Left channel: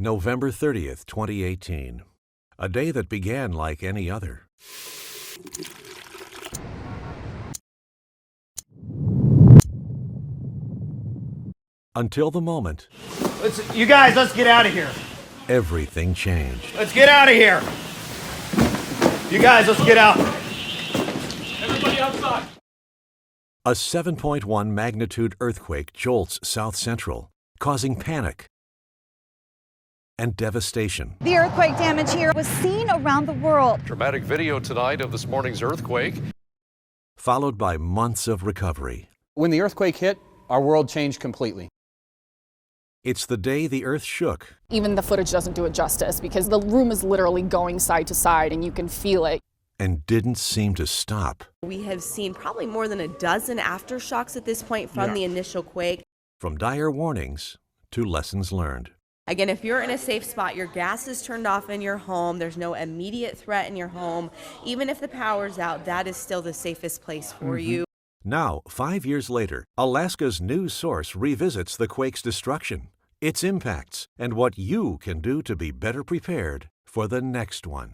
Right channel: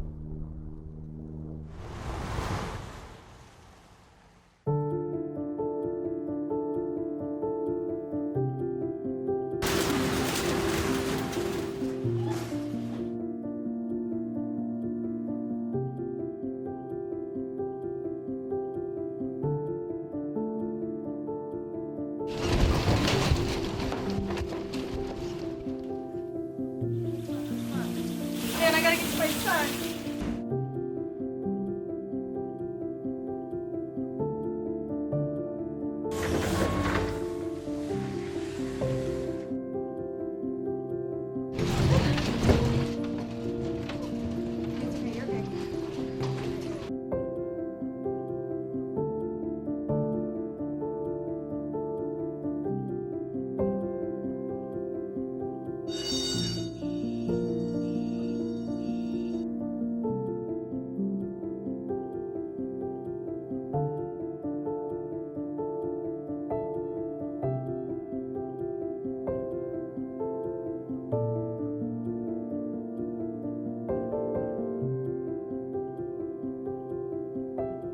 November 30th, 2018. A day that began like any other. Until the moment You guys, let's get out of here. everything changed. Let's get out of here. You guys, let's get out. Everybody outside. A 7.1 magnitude earthquake jolts South Central, causing panic Man, I gotta get to my son. and devastation. The earthquake damage here was seen around the world. Dramatic video tonight of this morning's earthquake. Followed by months of recovery. When the earthquake hit, our world changed completely. It's the day the earth shook Even the footage doesn't do it justice because the room is literally going side to side and you can feel it. and didn't seem to stop. We have seen probably more than a dozen aftershocks at this point from the initial quake. From dire warnings to lessons learned. Again, if you're in a safe spot, your gas is turned off in your home, there's no immediate threat in your home, even if the power's out, that is still the safest place for you. Now, 5 years later, Alaska's news source revisits the quake's destruction, its impacts, and what you can do to be better prepared for the next one.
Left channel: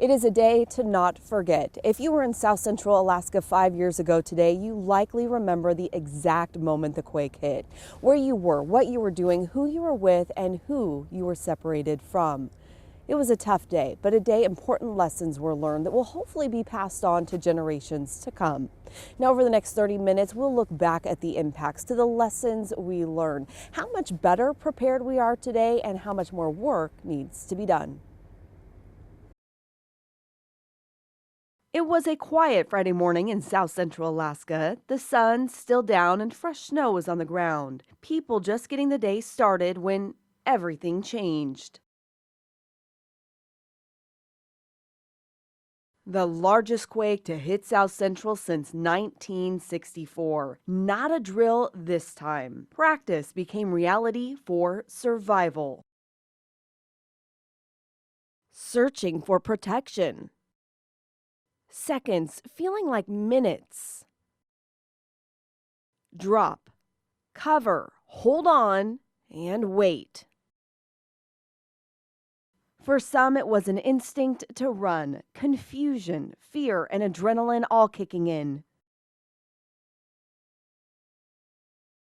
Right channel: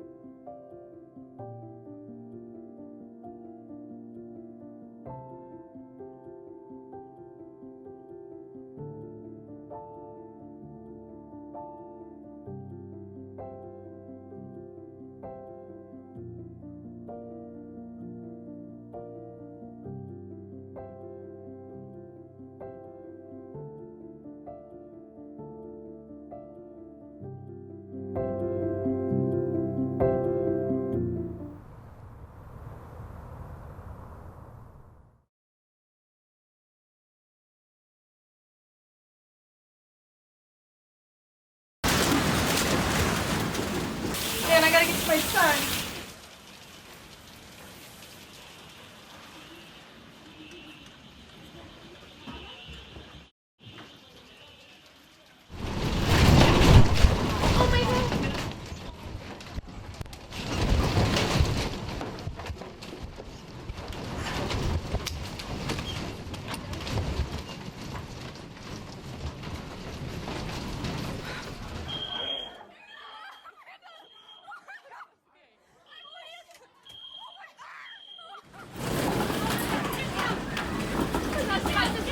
It is a day to not forget. If you were in South Central Alaska 5 years ago today, you likely remember the exact moment the quake hit, where you were, what you were doing, who you were with, and who you were separated from. It was a tough day, but a day important lessons were learned that will hopefully be passed on to generations to come. Now, over the next 30 minutes, we'll look back at the impacts, to the lessons we learned, how much better prepared we are today, and how much more work needs to be done. It was a quiet Friday morning in South Central Alaska. The sun's still down and fresh snow was on the ground. People just getting the day started when everything changed. Man, I gotta get to my son. The largest quake to hit South Central since 1964. Not a drill this time. Practice became reality for survival. Oh my God. Searching for protection. Seconds feeling like minutes. Drop, cover, hold on, and wait. For some, it was an instinct to run, confusion, fear, and adrenaline all kicking in. It's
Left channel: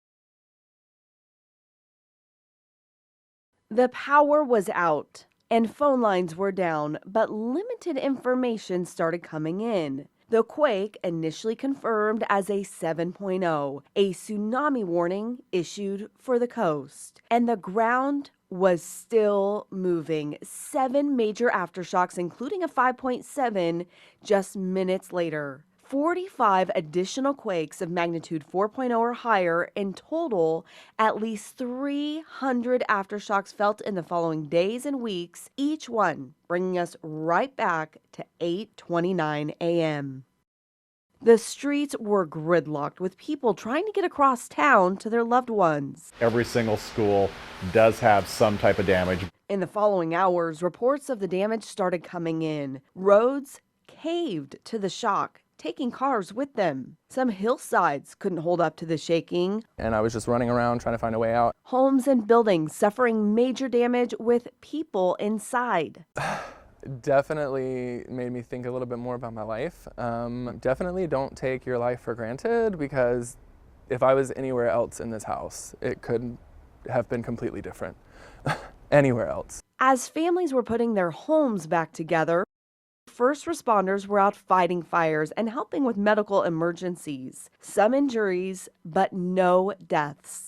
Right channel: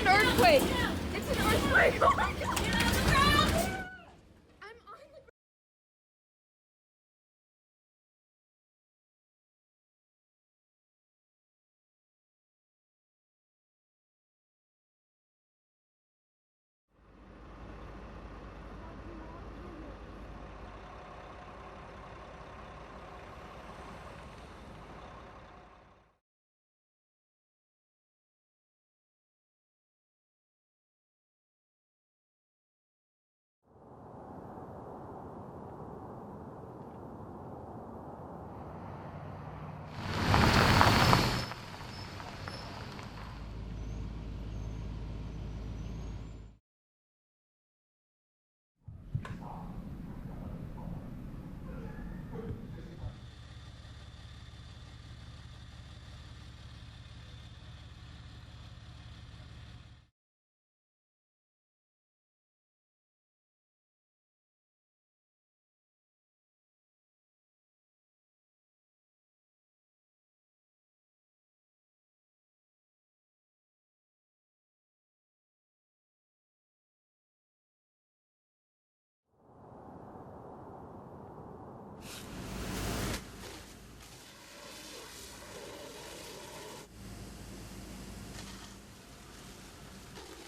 an earthquake. It's an earthquake. Oh my God. The power was out and phone lines were down, but limited information started coming in. The quake, initially confirmed as a 7.0, a tsunami warning issued for the coast. And the ground was still moving. 7 major aftershocks, including a 5.7, just minutes later. 45 additional quakes of magnitude 4.0 or higher. In total, at least 300 aftershocks felt in the following days and weeks, each one bringing us right back to 8:29 a.m. The streets were gridlocked with people trying to get across town to their loved ones. Every single school does have some type of damage. In the following hours, reports of the damage started coming in. Roads caved to the shock, taking cars with them. Some hillsides couldn't hold up to the shaking. And I was just running around trying to find a way out. Homes and buildings suffering major damage with people inside. Definitely made me think a little bit more about my life. Definitely don't take your life for granted, because if I was anywhere else in this house, it could have been completely different. Anywhere else. As families were putting their homes back together, first responders were out fighting fires and helping with medical emergencies. Some injuries, but no deaths.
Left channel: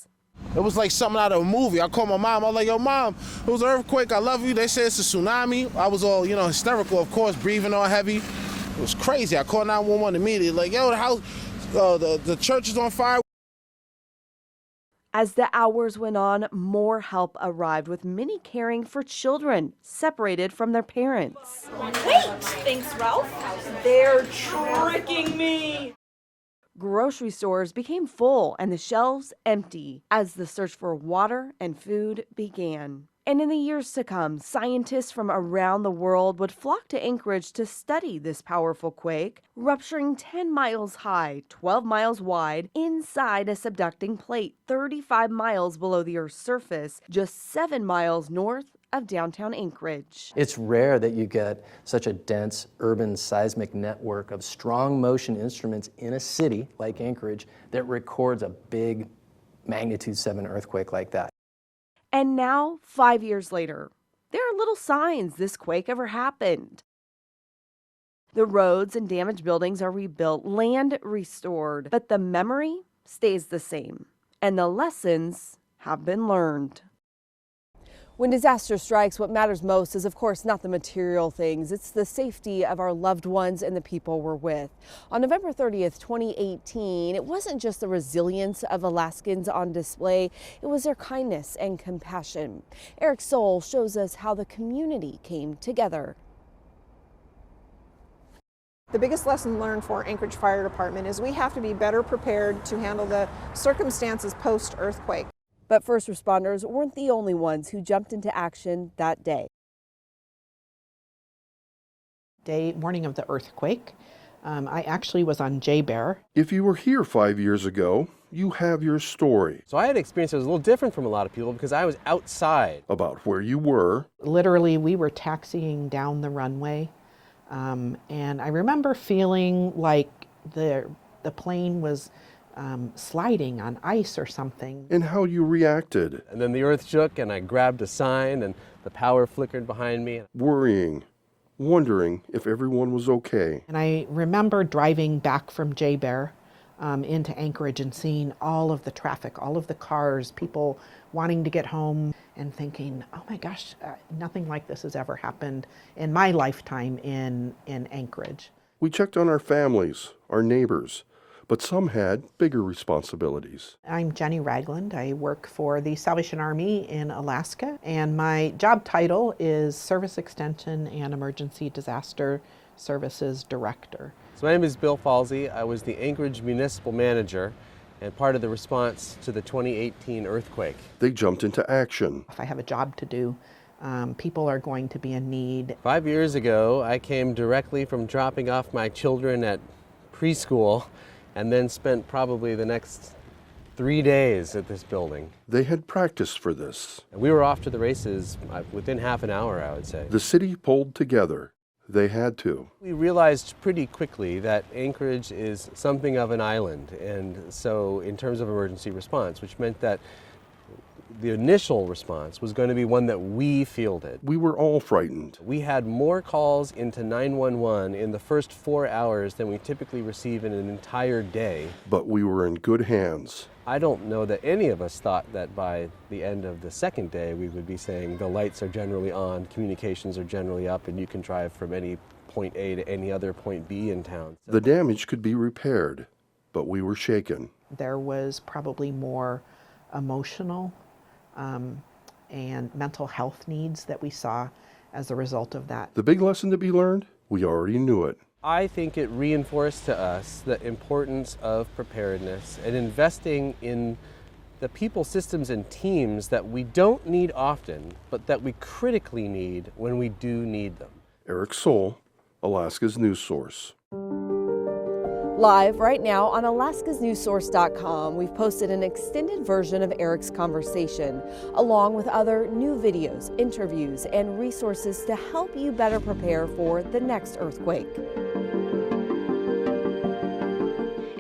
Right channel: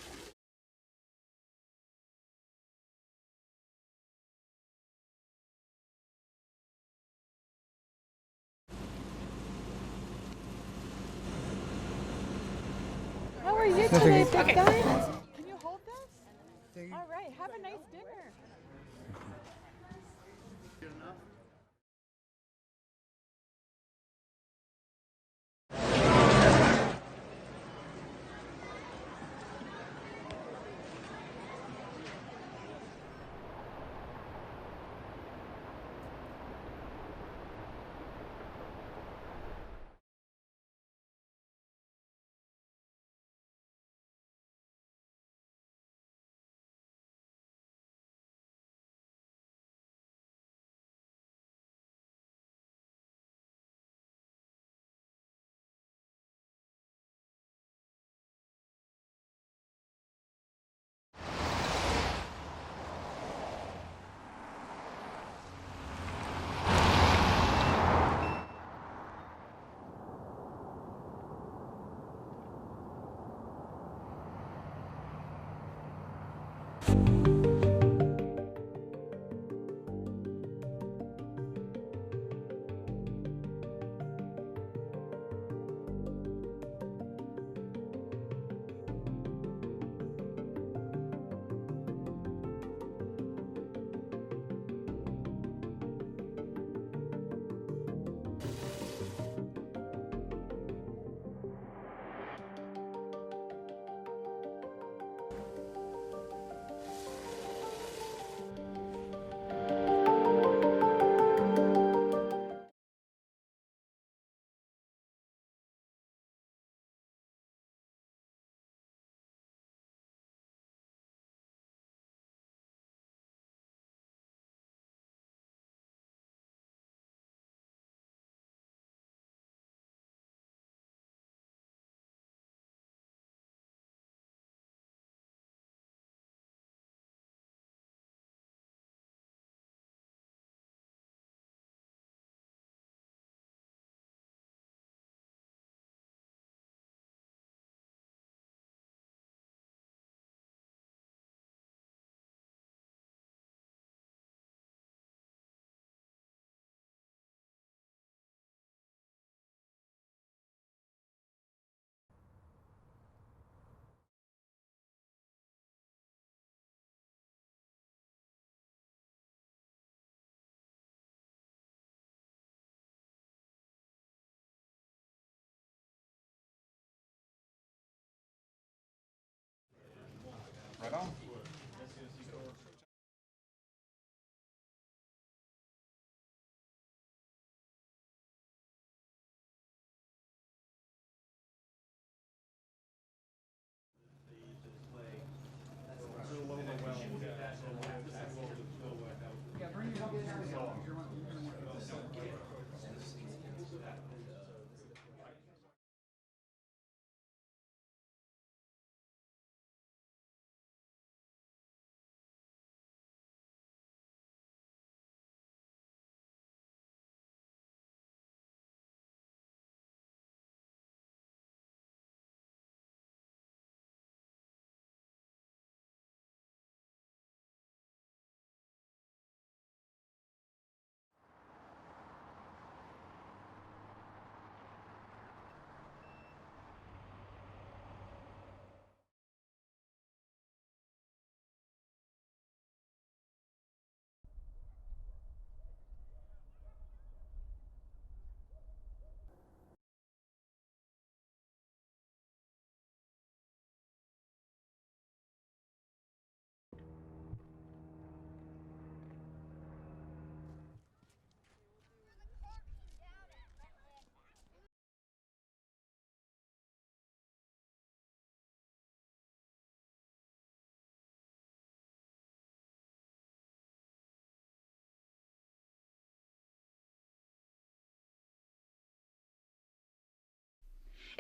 It was like something out of a movie. I called my mom. I was like, yo, Mom, it was an earthquake. I love you. They said it's a tsunami. I was all, hysterical, of course, breathing all heavy. It was crazy. I called 911 immediately. Like, yo, the house, the church is on fire. How are you today, big guy? As the hours went on, more help arrived, with many caring for children separated from their parents. Wait! Thanks, Ralph. They're tricking me! Grocery stores became full and the shelves empty as the search for water and food began. And in the years to come, scientists from around the world would flock to Anchorage to study this powerful quake, rupturing 10 miles high, 12 miles wide, inside a subducting plate 35 miles below the Earth's surface, just 7 miles north of downtown Anchorage. It's rare that you get such a dense urban seismic network of strong motion instruments in a city like Anchorage that records a big magnitude 7 earthquake like that. And now, 5 years later, there are little signs this quake ever happened. The roads and damaged buildings are rebuilt, land restored, but the memory stays the same, and the lessons have been learned. When disaster strikes, what matters most is, of course, not the material things. It's the safety of our loved ones and the people we're with. On November 30th, 2018, it wasn't just the resilience of Alaskans on display, it was their kindness and compassion. Eric Soul shows us how the community came together. The biggest lesson learned for Anchorage Fire Department is we have to be better prepared to handle the circumstances post-earthquake. But first responders weren't the only ones who jumped into action that day. Morning of the earthquake, I actually was on J-Bear. If you were here 5 years ago, you have your story. So I had an experience that was a little different from a lot of people because I was outside. About where you were. Literally, we were taxiing down the runway, and I remember feeling like the plane was sliding on ice or something. And how you reacted. And then the earth shook and I grabbed a sign and the power flickered behind me. Worrying, wondering if everyone was okay. And I remember driving back from J-Bear into Anchorage and seeing all of the traffic, all of the cars, people wanting to get home and thinking, oh my gosh, nothing like this has ever happened in my lifetime in Anchorage. We checked on our families, our neighbors, but some had bigger responsibilities. I'm Jenny Ragland. I work for the Salvation Army in Alaska, and my job title is Service Extension and Emergency Disaster Services Director. So my name is Bill Falsey. I was the Anchorage Municipal Manager and part of the response to the 2018 earthquake. They jumped into action. If I have a job to do, people are going to be in need. 5 years ago, I came directly from dropping off my children at preschool and then spent probably the next 3 days at this building. They had practiced for this. We were off to the races within half an hour, I would say. The city pulled together. They had to. We realized pretty quickly that Anchorage is something of an island, and so in terms of emergency response, which meant that the initial response was going to be one that we fielded. We were all frightened. We had more calls into 911 in the first 4 hours than we typically receive in an entire day. But we were in good hands. I don't know that any of us thought that by the end of the second day we would be saying the lights are generally on, communications are generally up, and you can drive from any point A to any other point B in town. The damage could be repaired, but we were shaken. There was probably more emotional and mental health needs that we saw as a result of that. The big lesson to be learned? We already knew it. I think it reinforced to us the importance of preparedness and investing in the people, systems, and teams that we don't need often, but that we critically need when we do need them. Eric Soul, Alaska's News Source. Live right now on alaskasnewssource.com, we've posted an extended version of Eric's conversation, along with other new videos, interviews, and resources to help you better prepare for the next earthquake.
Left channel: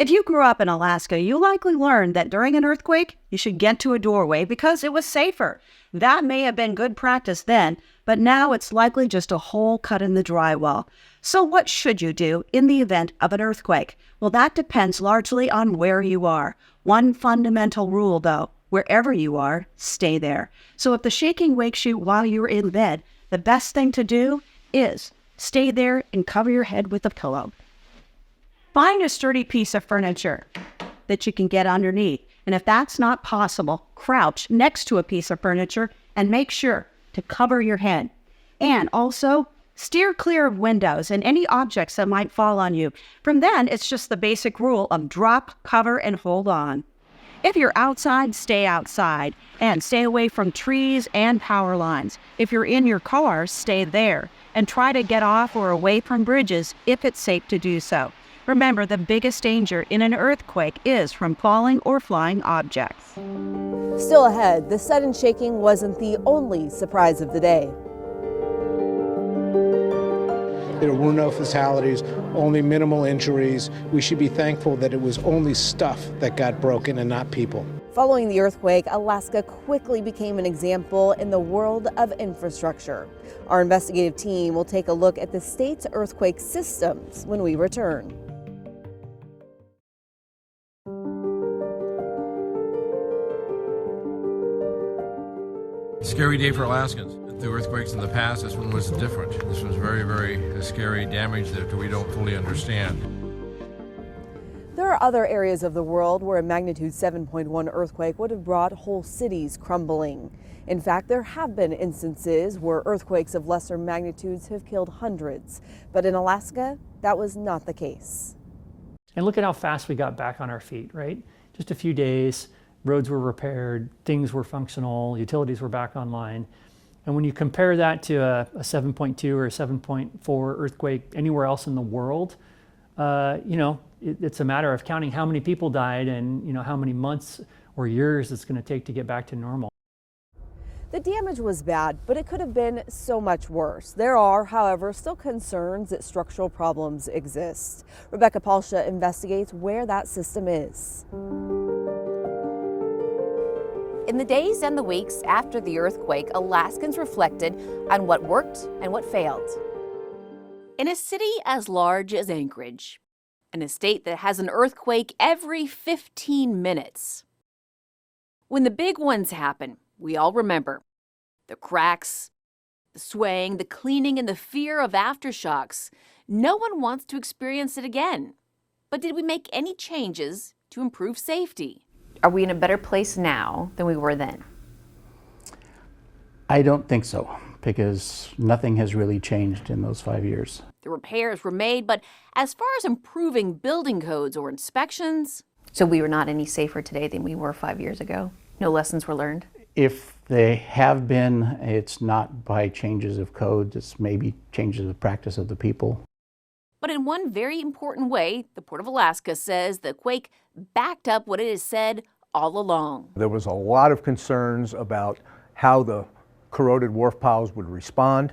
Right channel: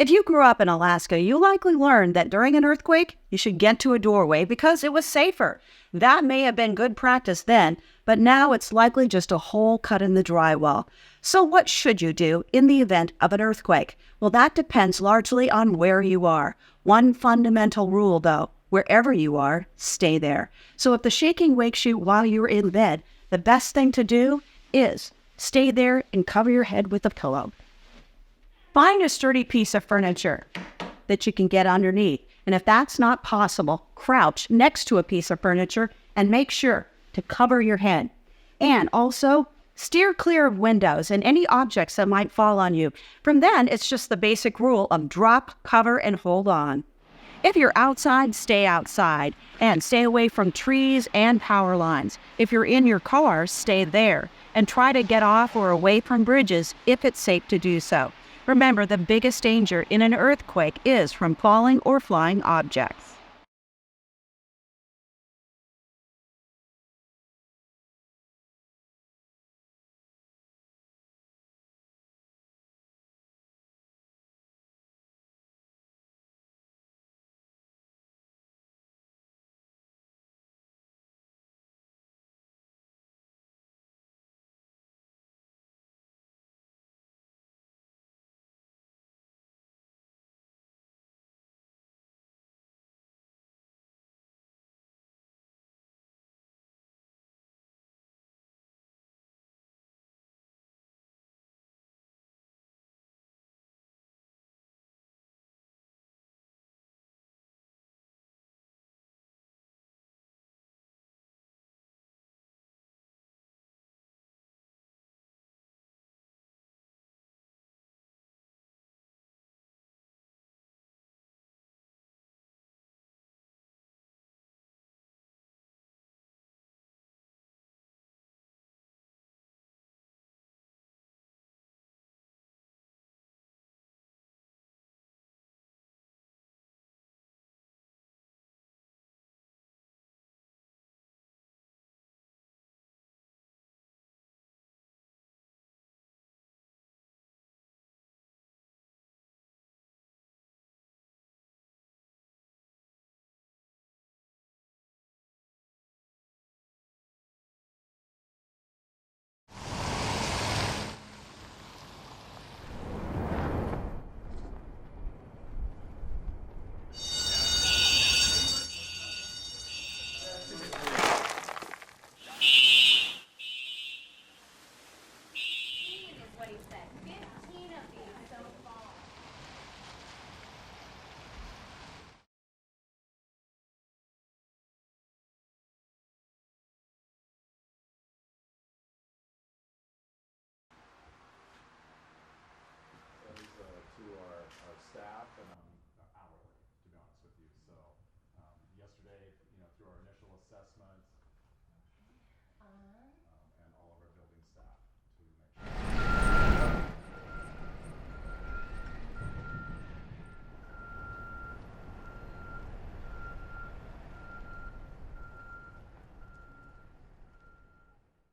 If you grew up in Alaska, you likely learned that during an earthquake, you should get to a doorway because it was safer. That may have been good practice then, but now it's likely just a hole cut in the drywall. So what should you do in the event of an earthquake? Well, that depends largely on where you are. One fundamental rule, though, wherever you are, stay there. So if the shaking wakes you while you're in bed, the best thing to do is stay there and cover your head with a pillow. Find a sturdy piece of furniture that you can get underneath. And if that's not possible, crouch next to a piece of furniture and make sure to cover your head. And also, steer clear of windows and any objects that might fall on you. From then, it's just the basic rule of drop, cover, and hold on. If you're outside, stay outside and stay away from trees and power lines. If you're in your car, stay there and try to get off or away from bridges if it's safe to do so. Remember, the biggest danger in an earthquake is from falling or flying objects. Still ahead, the sudden shaking wasn't the only surprise of the day. There were no fatalities, only minimal injuries. We should be thankful that it was only stuff that got broken and not people. Following the earthquake, Alaska quickly became an example in the world of infrastructure. Our investigative team will take a look at the state's earthquake systems when we return. Scary day for Alaskans. The earthquakes in the past, this one was different. This was very, very scary damage that we don't fully understand. There are other areas of the world where a magnitude 7.1 earthquake would have brought whole cities crumbling. In fact, there have been instances where earthquakes of lesser magnitudes have killed hundreds. But in Alaska, that was not the case. And look at how fast we got back on our feet, right? Just a few days, roads were repaired, things were functional, utilities were back online. And when you compare that to a 7.2 or a 7.4 earthquake anywhere else in the world, it's a matter of counting how many people died and how many months or years it's going to take to get back to normal. The damage was bad, but it could have been so much worse. There are, however, still concerns that structural problems exist. Rebecca Palsha investigates where that system is. In the days and the weeks after the earthquake, Alaskans reflected on what worked and what failed. In a city as large as Anchorage, in a state that has an earthquake every 15 minutes, when the big ones happen, we all remember the cracks, the swaying, the cleaning, and the fear of aftershocks. No one wants to experience it again. But did we make any changes to improve safety? Are we in a better place now than we were then? I don't think so, because nothing has really changed in those 5 years. The repairs were made, but as far as improving building codes or inspections, so we were not any safer today than we were 5 years ago? No lessons were learned? If they have been, it's not by changes of code, it's maybe changes of practice of the people. But in one very important way, the Port of Alaska says the quake backed up what it has said all along. There was a lot of concerns about how the corroded wharf piles would respond,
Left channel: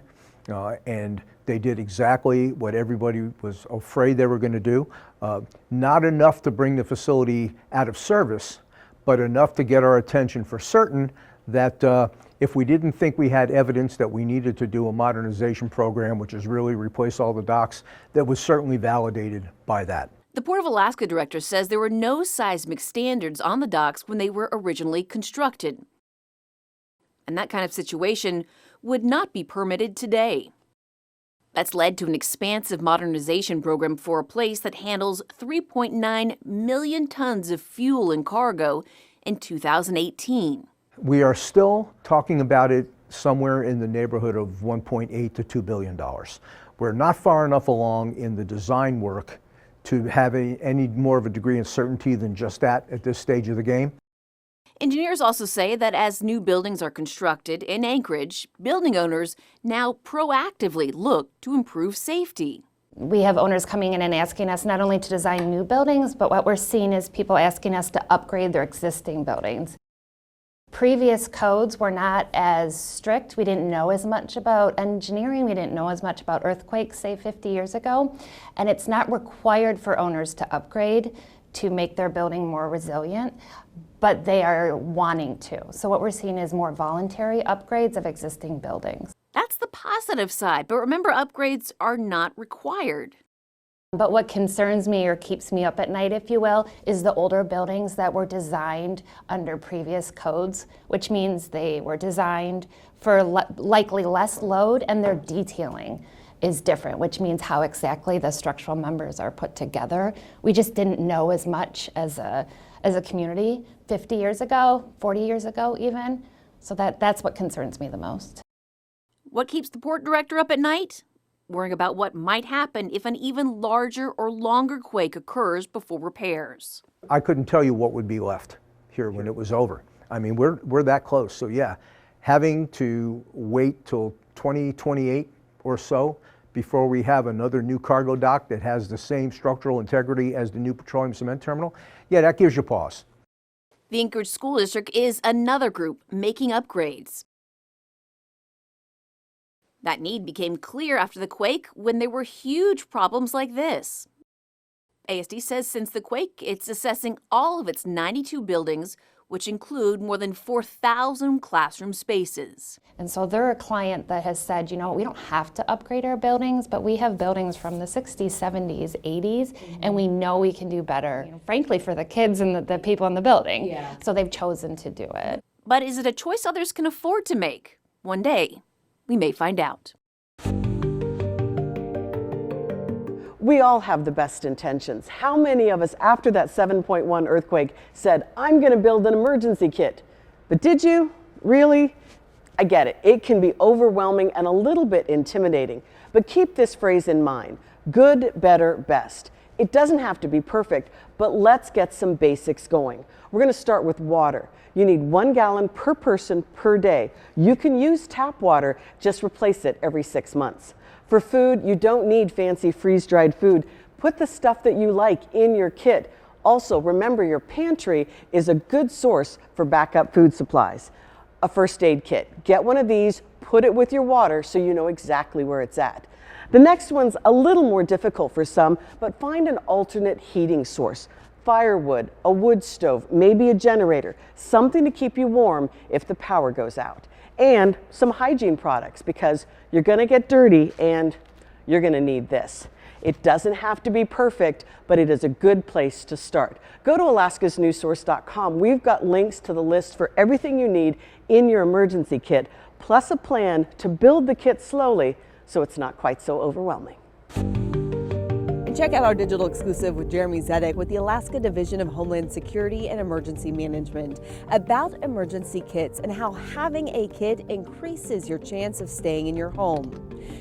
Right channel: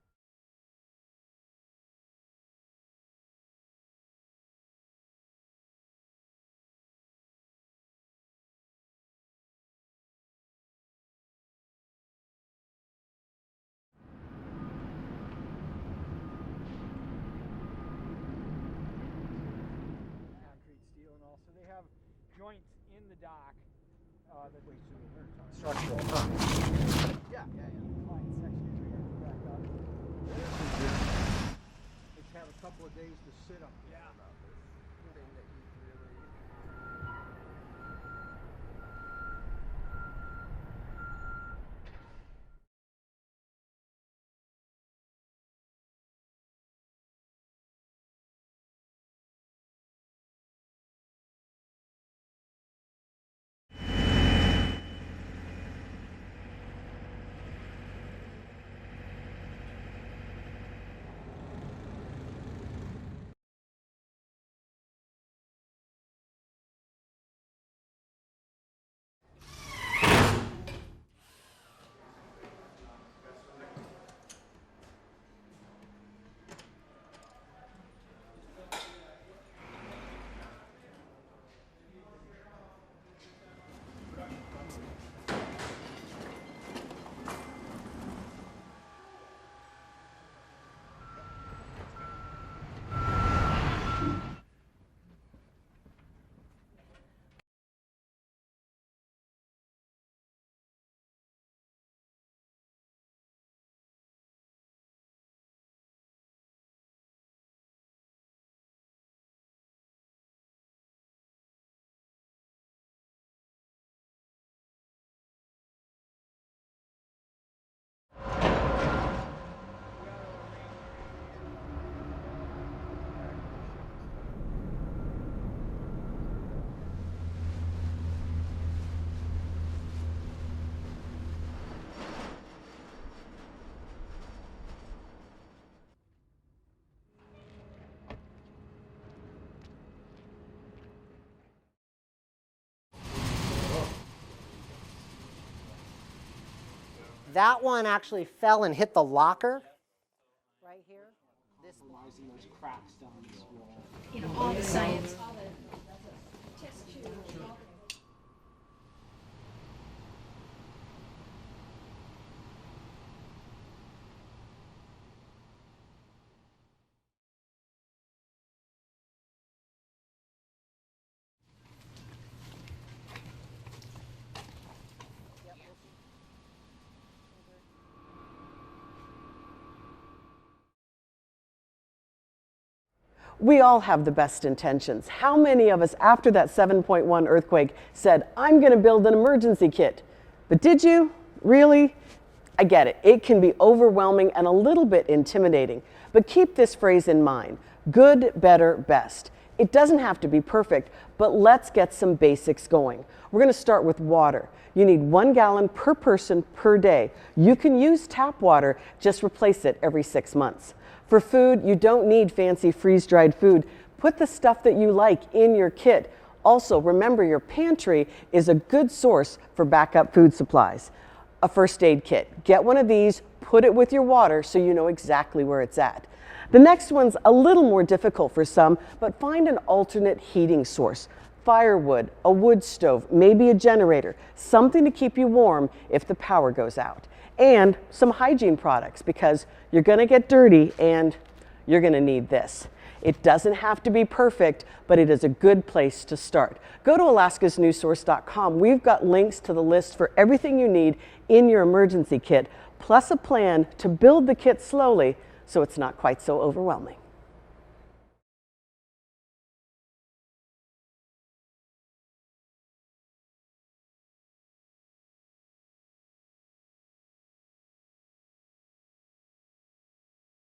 and they did exactly what everybody was afraid they were going to do. Not enough to bring the facility out of service, but enough to get our attention for certain that if we didn't think we had evidence that we needed to do a modernization program, which is really replace all the docks, that was certainly validated by that. The Port of Alaska director says there were no seismic standards on the docks when they were originally constructed. And that kind of situation would not be permitted today. That's led to an expansive modernization program for a place that handles 3.9 million tons of fuel and cargo in 2018. We are still talking about it somewhere in the neighborhood of $1.8 to $2 billion. We're not far enough along in the design work to have any more of a degree of certainty than just that at this stage of the game. Engineers also say that as new buildings are constructed in Anchorage, building owners now proactively look to improve safety. We have owners coming in and asking us not only to design new buildings, but what we're seeing is people asking us to upgrade their existing buildings. Previous codes were not as strict. We didn't know as much about engineering. We didn't know as much about earthquakes, say 50 years ago. And it's not required for owners to upgrade to make their building more resilient, but they are wanting to. So what we're seeing is more voluntary upgrades of existing buildings. That's the positive side, but remember, upgrades are not required. But what concerns me or keeps me up at night, if you will, is the older buildings that were designed under previous codes, which means they were designed for likely less load, and their detailing is different, which means how exactly the structural members are put together. We just didn't know as much as a community 50 years ago, 40 years ago even. So that's what concerns me the most. What keeps the port director up at night? Worrying about what might happen if an even larger or longer quake occurs before repairs. I couldn't tell you what would be left. here when it was over. I mean, we're that close. So yeah, having to wait till 2028 or so before we have another new cargo dock that has the same structural integrity as the new petroleum cement terminal, yeah, that gives you pause. The Anchorage School District is another group making upgrades. That one actually fell and hit the locker. That need became clear after the quake when there were huge problems like this. ASD says since the quake, it's assessing all of its 92 buildings, which include more than 4,000 classroom spaces. And so they're a client that has said, you know, we don't have to upgrade our buildings, but we have buildings from the 60s, 70s, 80s, and we know we can do better, frankly, for the kids and the people in the building. Yeah. So they've chosen to do it. But is it a choice others can afford to make? One day, we may find out. We all have the best intentions. How many of us after that 7.1 earthquake said, I'm going to build an emergency kit? But did you? Really? I get it. It can be overwhelming and a little bit intimidating. But keep this phrase in mind: good, better, best. It doesn't have to be perfect, but let's get some basics going. We're going to start with water. You need 1 gallon per person per day. You can use tap water, just replace it every 6 months. For food, you don't need fancy freeze-dried food. Put the stuff that you like in your kit. Also, remember your pantry is a good source for backup food supplies. A first aid kit. Get one of these, put it with your water so you know exactly where it's at. The next one's a little more difficult for some, but find an alternate heating source. Firewood, a wood stove, maybe a generator, something to keep you warm if the power goes out. And some hygiene products, because you're going to get dirty and you're going to need this. It doesn't have to be perfect, but it is a good place to start. Go to alaskasnewssource.com. We've got links to the list for everything you need in your emergency kit, plus a plan to build the kit slowly so it's not quite so overwhelming. And check out our digital exclusive with Jeremy Zedek with the Alaska Division of Homeland Security and Emergency Management about emergency kits and how having a kit increases your chance of staying in your home.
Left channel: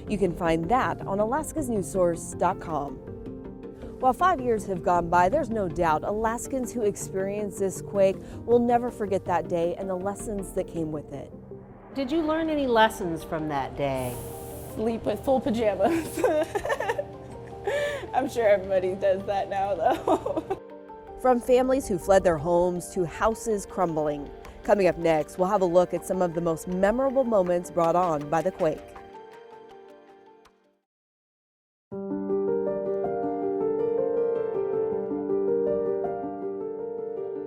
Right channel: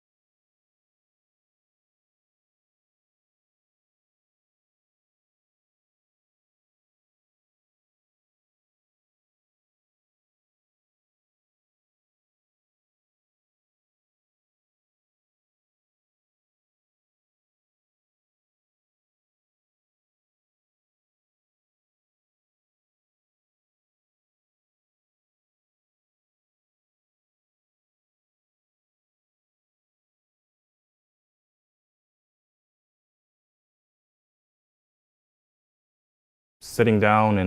You can find that on alaskasnewssource.com. While 5 years have gone by, there's no doubt Alaskans who experienced this quake will never forget that day and the lessons that came with it. Did you learn any lessons from that day? Sleep with full pajamas. I'm sure everybody does that now, though. From families who fled their homes to houses crumbling. Coming up next, we'll have a look at some of the most memorable moments brought on by the quake. Sitting down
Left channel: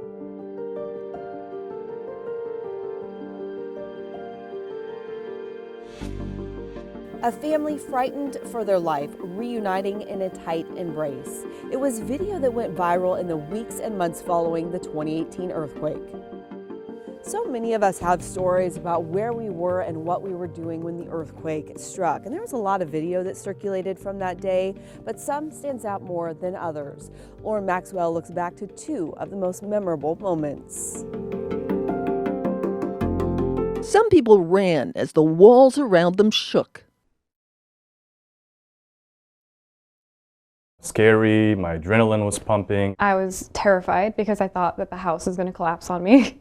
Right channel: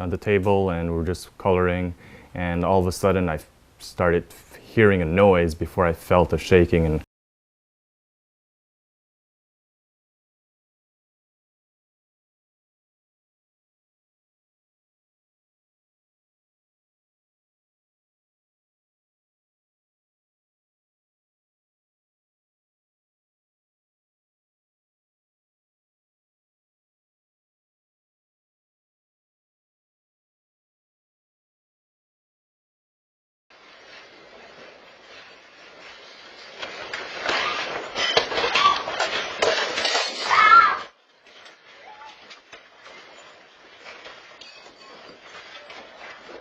at the table and we're just coloring, and all of a sudden I started hearing a noise before I felt a shaking. And a family frightened for their life, reuniting in a tight embrace. It was video that went viral in the weeks and months following the 2018 earthquake. So many of us have stories about where we were and what we were doing when the earthquake struck. And there was a lot of video that circulated from that day, but some stands out more than others. Lauren Maxwell looks back to 2 of the most memorable moments. Some people ran as the walls around them shook. scary, my adrenaline was pumping. I was terrified because I thought that the house was going to collapse on me.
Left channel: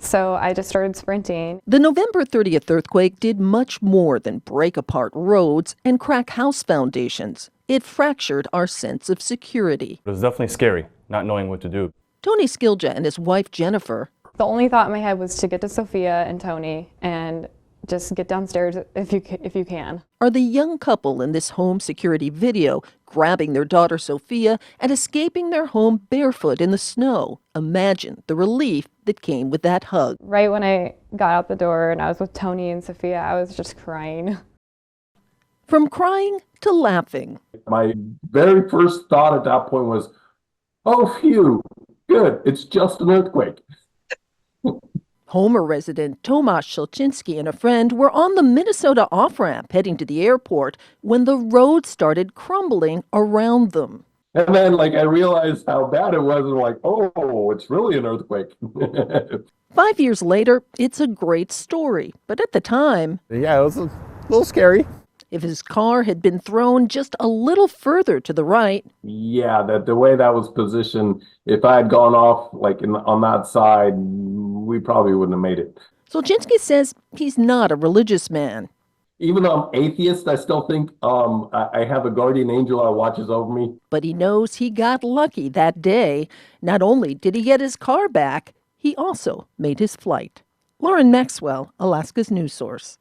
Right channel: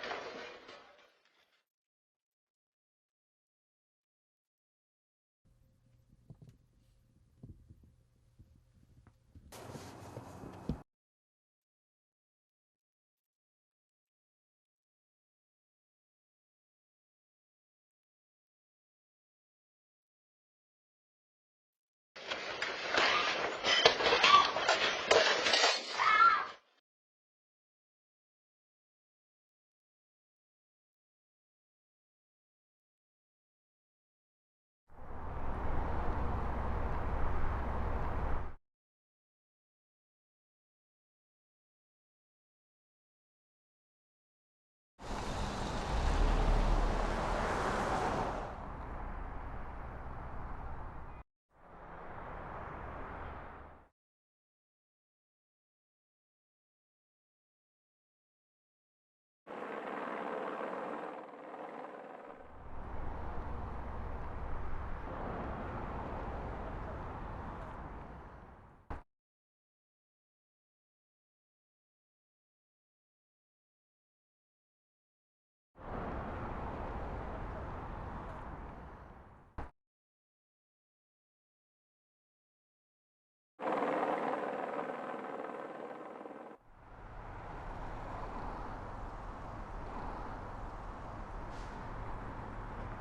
So I just started sprinting. The November 30th earthquake did much more than break apart roads and crack house foundations. It fractured our sense of security. It was definitely scary, not knowing what to do. Tony Skilja and his wife Jennifer. The only thought in my head was to get to Sophia and Tony and just get downstairs if you can. Are the young couple in this home security video grabbing their daughter Sophia and escaping their home barefoot in the snow. Imagine the relief that came with that hug. Right when I got out the door and I was with Tony and Sophia, I was just crying. From crying to laughing. My very first thought at that point was, oh, phew, good, it's just an earthquake. Homer resident Tomasz Szelczynski and a friend were on the Minnesota off-ramp heading to the airport when the road started crumbling around them. And then, I realized how bad it was, and oh, it's really an earthquake. 5 years later, it's a great story, but at the time... Yeah, it was a little scary. if his car had been thrown just a little further to the right. Yeah, the way that was positioned, if I had gone off like on that side, we probably wouldn't have made it. Solzhenitsyn says he's not a religious man. Even though I'm atheist, I still think I have a guardian angel that watches over me. But he knows he got lucky that day. Not only did he get his car back, he also made his flight. Lauren Maxwell, Alaska's news source.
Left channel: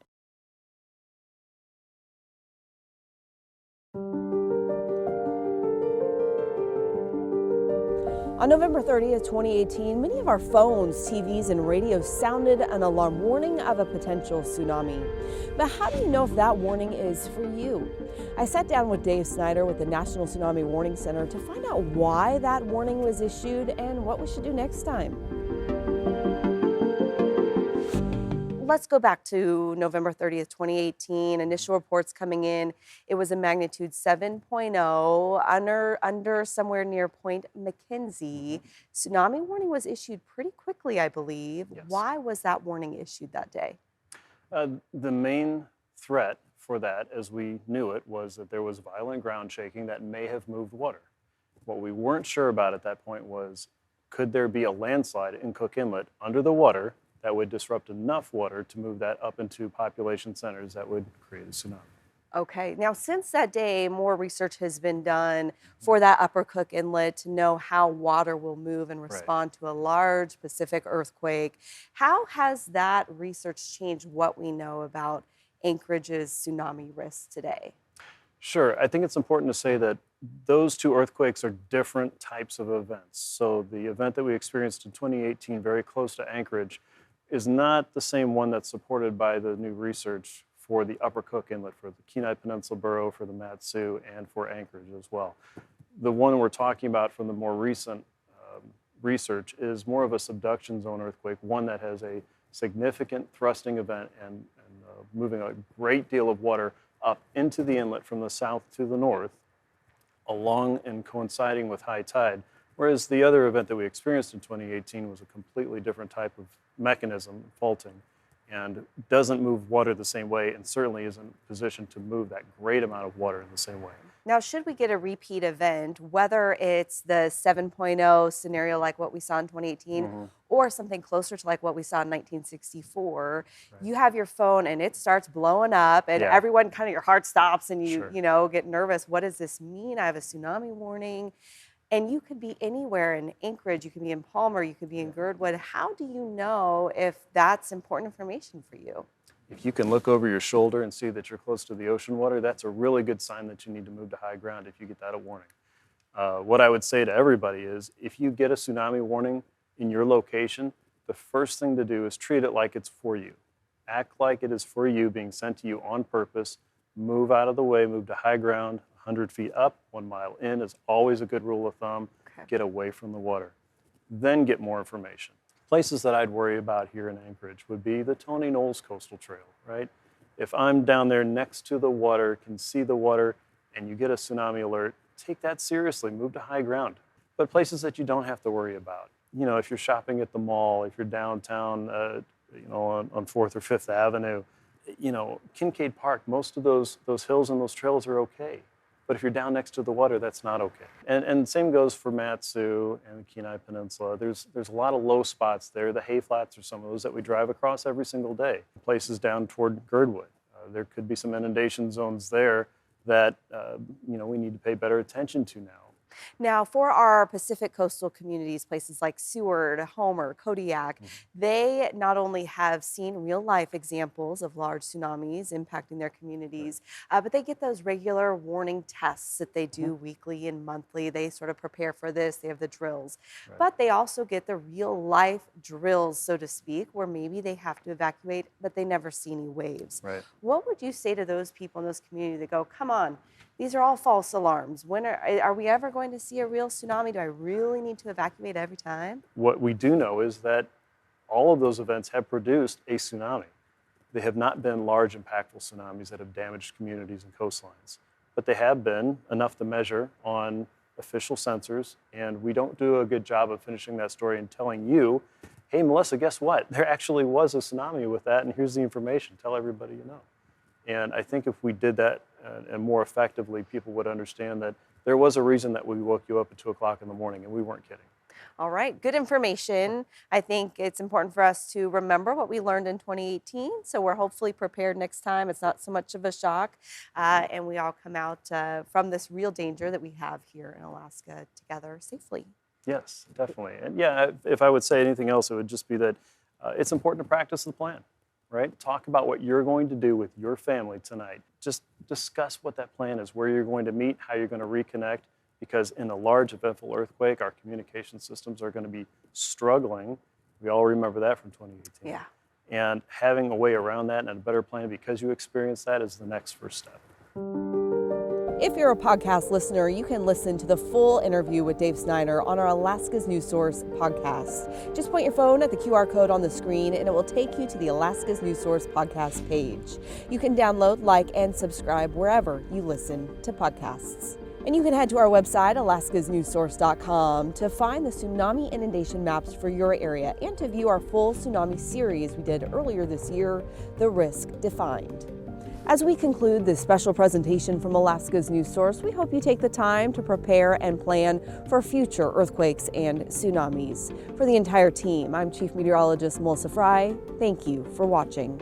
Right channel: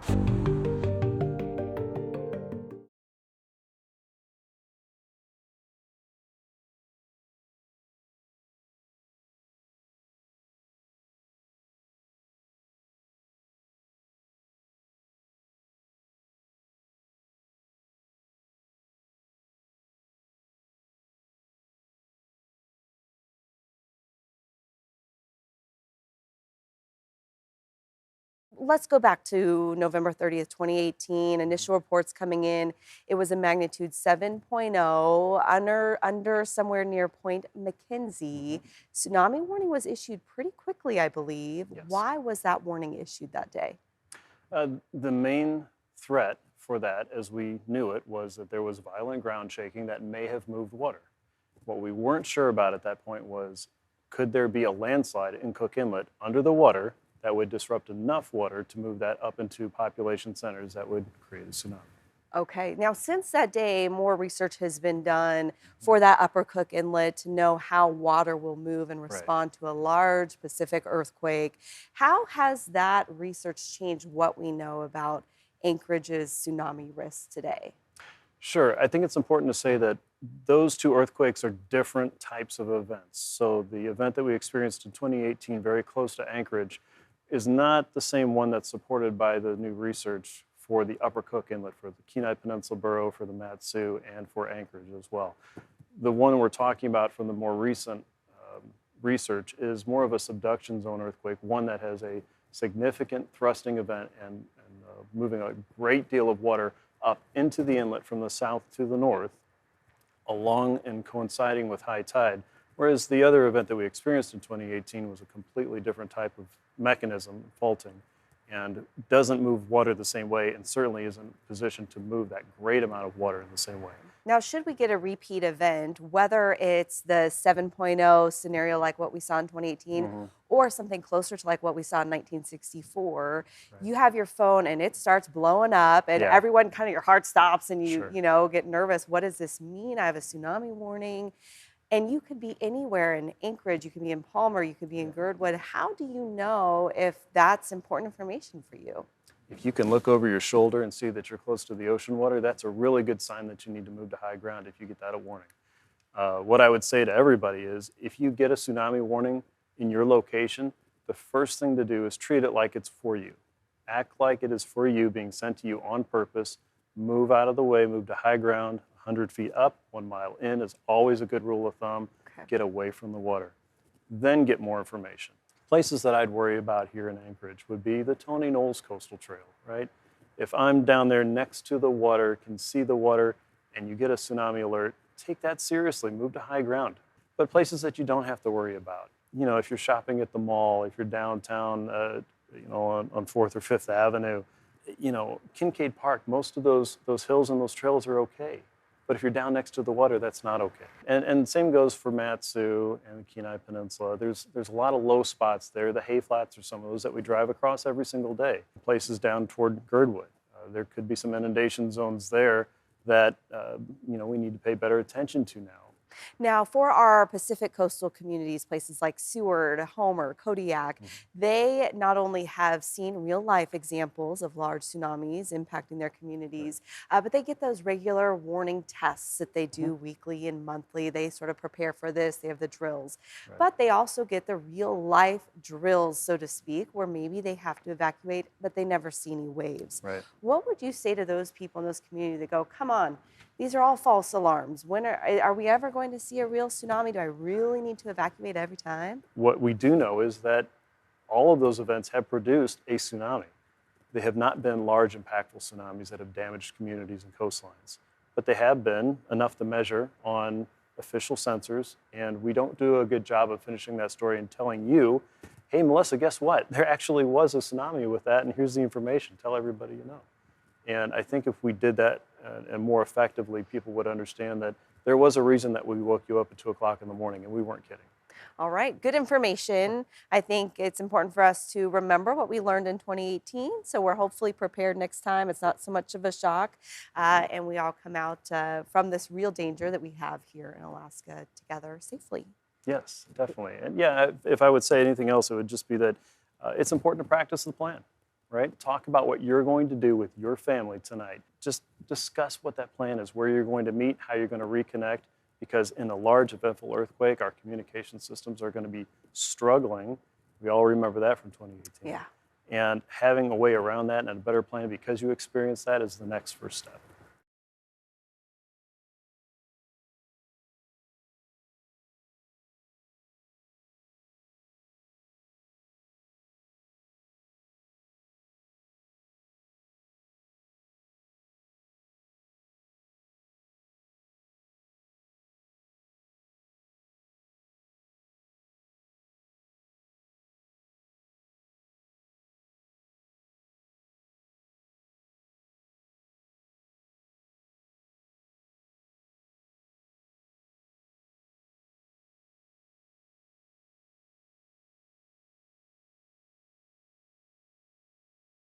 On November 30th, 2018, many of our phones, TVs, and radios sounded an alarm warning of a potential tsunami. But how do you know if that warning is for you? I sat down with Dave Snyder with the National Tsunami Warning Center to find out why that warning was issued and what we should do next time. Let's go back to November 30th, 2018. Initial reports coming in, it was a magnitude 7.0 under somewhere near Point McKenzie. Tsunami warning was issued pretty quickly, I believe. Yes. Why was that warning issued that day? The main threat for that, as we knew it, was that there was violent ground shaking that may have moved water. What we weren't sure about at that point was, could there be a landslide in Cook Inlet under the water that would disrupt enough water to move that up into population centers that would create a tsunami? Okay, now since that day, more research has been done for that Upper Cook Inlet to know how water will move and respond to a large Pacific earthquake. How has that research changed what we know about Anchorage's tsunami risks today? Sure, I think it's important to say that those two earthquakes are different types of events. So the event that we experienced in 2018, very close to Anchorage, is not the same one that's supported by the new research for the Upper Cook Inlet, for the Kenai Peninsula Borough, for the Mat-Su, and for Anchorage as well. The one we're talking about from the more recent research is more of a subduction zone earthquake, one that has a significant thrusting event and moving a great deal of water up into the inlet from the south to the north, along and coinciding with high tide. Whereas the other event that we experienced in 2018 was a completely different type of mechanism, faulting, and doesn't move water the same way and certainly isn't positioned to move that great amount of water in the same way. Now, should we get a repeat event, whether it's the 7.0 scenario like what we saw in 2018 or something closer to like what we saw in 1964, you have your phone and it starts blowing up and everyone kind of, your heart stops and you, you know, get nervous. What does this mean? I have a tsunami warning. And you could be anywhere in Anchorage, you could be in Palmer, you could be in Girdwood. How do you know if that's important information for you? If you can look over your shoulder and see that you're close to the ocean water, that's a really good sign that you need to move to high ground if you get that a warning. What I would say to everybody is, if you get a tsunami warning in your location, the first thing to do is treat it like it's for you. Act like it is for you, being sent to you on purpose. Move out of the way, move to high ground. 100 feet up, 1 mile in is always a good rule of thumb. Get away from the water. Then get more information. Places that I'd worry about here in Anchorage would be the Tony Knowles Coastal Trail, right? If I'm down there next to the water, can see the water, and you get a tsunami alert, take that seriously, move to high ground. But places that you don't have to worry about. You know, if you're shopping at the mall, if you're downtown, you know, on 4th or 5th Avenue, you know, Kincaid Park, most of those hills and those trails are okay. But if you're down next to the water, that's not okay. And same goes for Mat-Su and the Kenai Peninsula. There's a lot of low spots there. The hay flats are some of those that we drive across every single day. Places down toward Girdwood. There could be some inundation zones there that you know, we need to pay better attention to now. Now, for our Pacific coastal communities, places like Seward, Homer, Kodiak, they not only have seen real-life examples of large tsunamis impacting their communities, but they get those regular warning tests that they do weekly and monthly. They sort of prepare for this. They have the drills. But they also get the real-life drills, so to speak, where maybe they have to evacuate, but they never see any waves. What would you say to those people in those communities that go, come on, these are all false alarms. When are we ever going to see a real tsunami? Do I really need to evacuate every time? What we do know is that all of those events have produced a tsunami. They have not been large, impactful tsunamis that have damaged communities and coastlines, but they have been enough to measure on official sensors, and we don't do a good job of finishing that story and telling you, hey, Melissa, guess what? There actually was a tsunami with that, and here's the information. Tell everybody you know. And I think if we did that and more effectively, people would understand that there was a reason that we woke you up at 2 o'clock in the morning, and we weren't kidding. All right, good information. I think it's important for us to remember what we learned in 2018, so we're hopefully prepared next time. It's not so much of a shock, and we all come out from this real danger that we have here in Alaska together safely. Yes, definitely. And yeah, if I would say anything else, it would just be that it's important to practice the plan, right? Talk about what you're going to do with your family tonight. Just discuss what that plan is, where you're going to meet, how you're going to reconnect, because in a large eventful earthquake, our communication systems are going to be struggling. We all remember that from 2018. Yeah. And having a way around that and a better plan because you experienced that is the next first step. If you're a podcast listener, you can listen to the full interview with Dave Snyder on our Alaska's News Source podcast. Just point your phone at the QR code on the screen and it will take you to the Alaska's News Source podcast page. You can download, like, and subscribe wherever you listen to podcasts. And you can head to our website, alaskasnewssource.com, to find the tsunami inundation maps for your area and to view our full tsunami series we did earlier this year, The Risk Defined. As we conclude this special presentation from Alaska's News Source, we hope you take the time to prepare and plan for future earthquakes and tsunamis. For the entire team, I'm Chief Meteorologist Melissa Fry. Thank you for watching.